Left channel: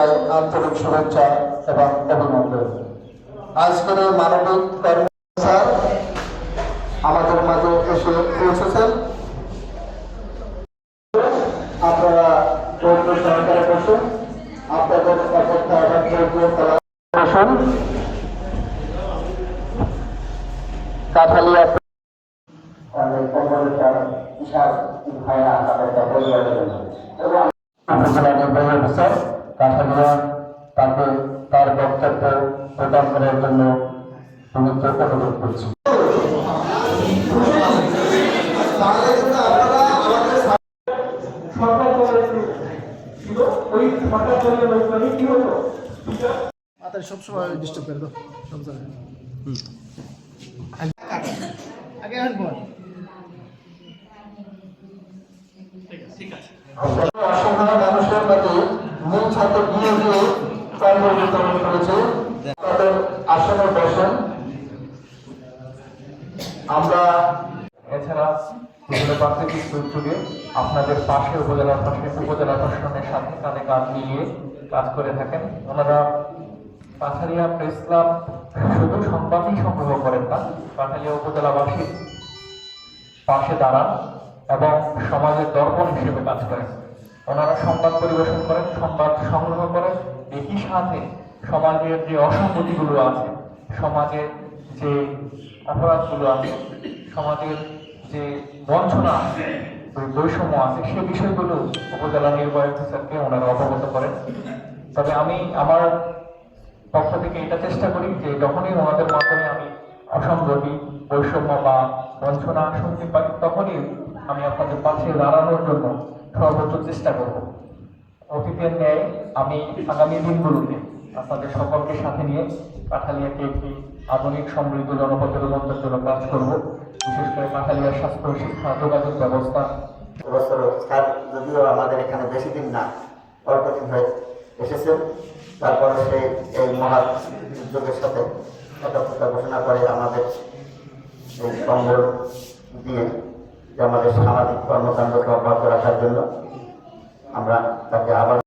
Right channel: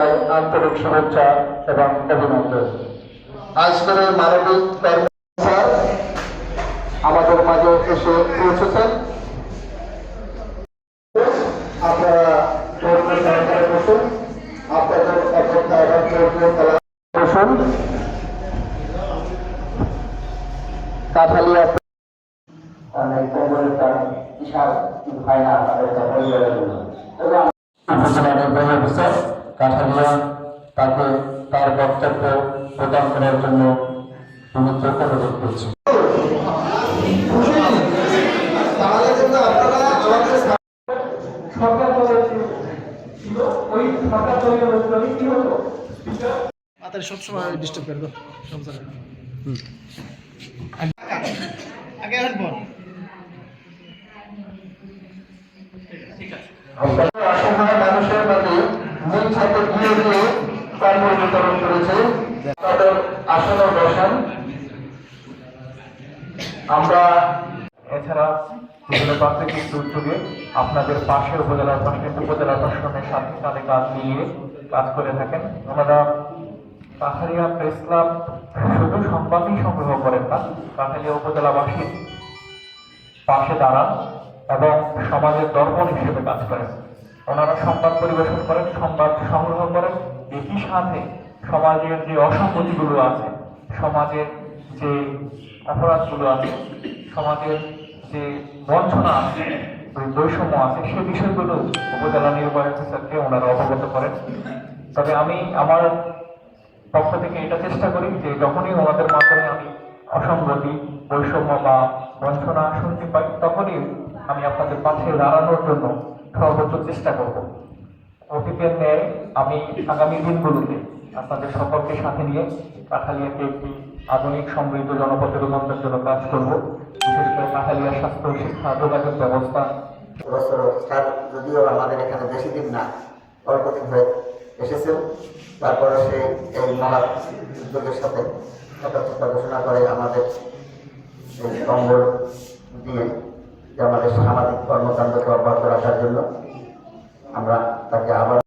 আন্তরিক শুভেচ্ছা এবং অভিনন্দন। আজকের মানবিক কর্ম স্যার আমাদের মাঝে এসে পৌঁছেছেন। কাঠালিয়া বিশাল তাদের পরিবারের জন্য প্রদান করার জন্য সমুদ্র অনুরোধ করছি। মাথায় সবসময় ডিস্টার্ব করবে। সব জায়গায়। আগে আসব মানুষের মধ্যে মূল ছাত্র গিয়ে গিয়ে কর্ম বিতরণ করেছে। আসনে বসেন। আমরা এছাড়া বিভিন্ন প্রাকৃতিক দুর্যোগে আপনাদের পাশে উপজেলা প্রশাসন উপজেলা প্রশাসনের সাথে কাঁধে কাঁধ মিলিয়ে কাজ করে থাকেন। ওনারা কাঠালিয়া প্রেস ক্লাব শুধু সংবাদই সংগ্রহ করেন না, কাঠালিয়া উপজেলাবাসীর পাশে দাঁড়ান এবং সমাজের দর্পণ হিসেবে কাজ করেন। ওনারা সংবাদ পরিবেশন করেন, সংবাদ সংগ্রহ করেন, একই সাথে সমাজের যে অসঙ্গতিগুলো আছে, সমাজের যে অপরাধগুলো আছে, সমাজের যে বঞ্চনা আছে বৈষম্য আছে, সে বিষয়গুলো উপজেলা নির্বাহী অফিসারকে ওনারা অবগত করেন। তবে আমি আমার পক্ষ থেকে এটা চেষ্টা করি যে যখনই ওনাদের মাধ্যমে আমি অসঙ্গতি, বৈষম্য বা বঞ্চনা শুনতে পাই, তখনই আমি আপনাদের পাশে দাঁড়ানোর জন্য সর্বোচ্চ চেষ্টা করব। অতীতের ন্যায় আমি আগামী দিনগুলোতে আপনাদের সকলকে সাথে নিয়ে কাঠালিয়াকে একটি আধুনিক সমৃদ্ধ জনপথে রূপান্তরের জন্য কাজ করব। বিশেষ করে কাঠালিয়ার স্বাস্থ্য শিক্ষা যোগাযোগ ব্যবস্থা। স্যার, যদিও আমাদের এখানে বেশি দিন না, অল্প দিন হয়ে এসেছেন। তারপরে সেই এই মহা উদ্যোগের সাথে একাত্মতা ঘোষণা করে আমাদের এই কম্বল দিয়ে যে আমাদের সামাজিক কর্মকাণ্ডকে অব্যাহত রাখার জন্য আমরা তাকে আবার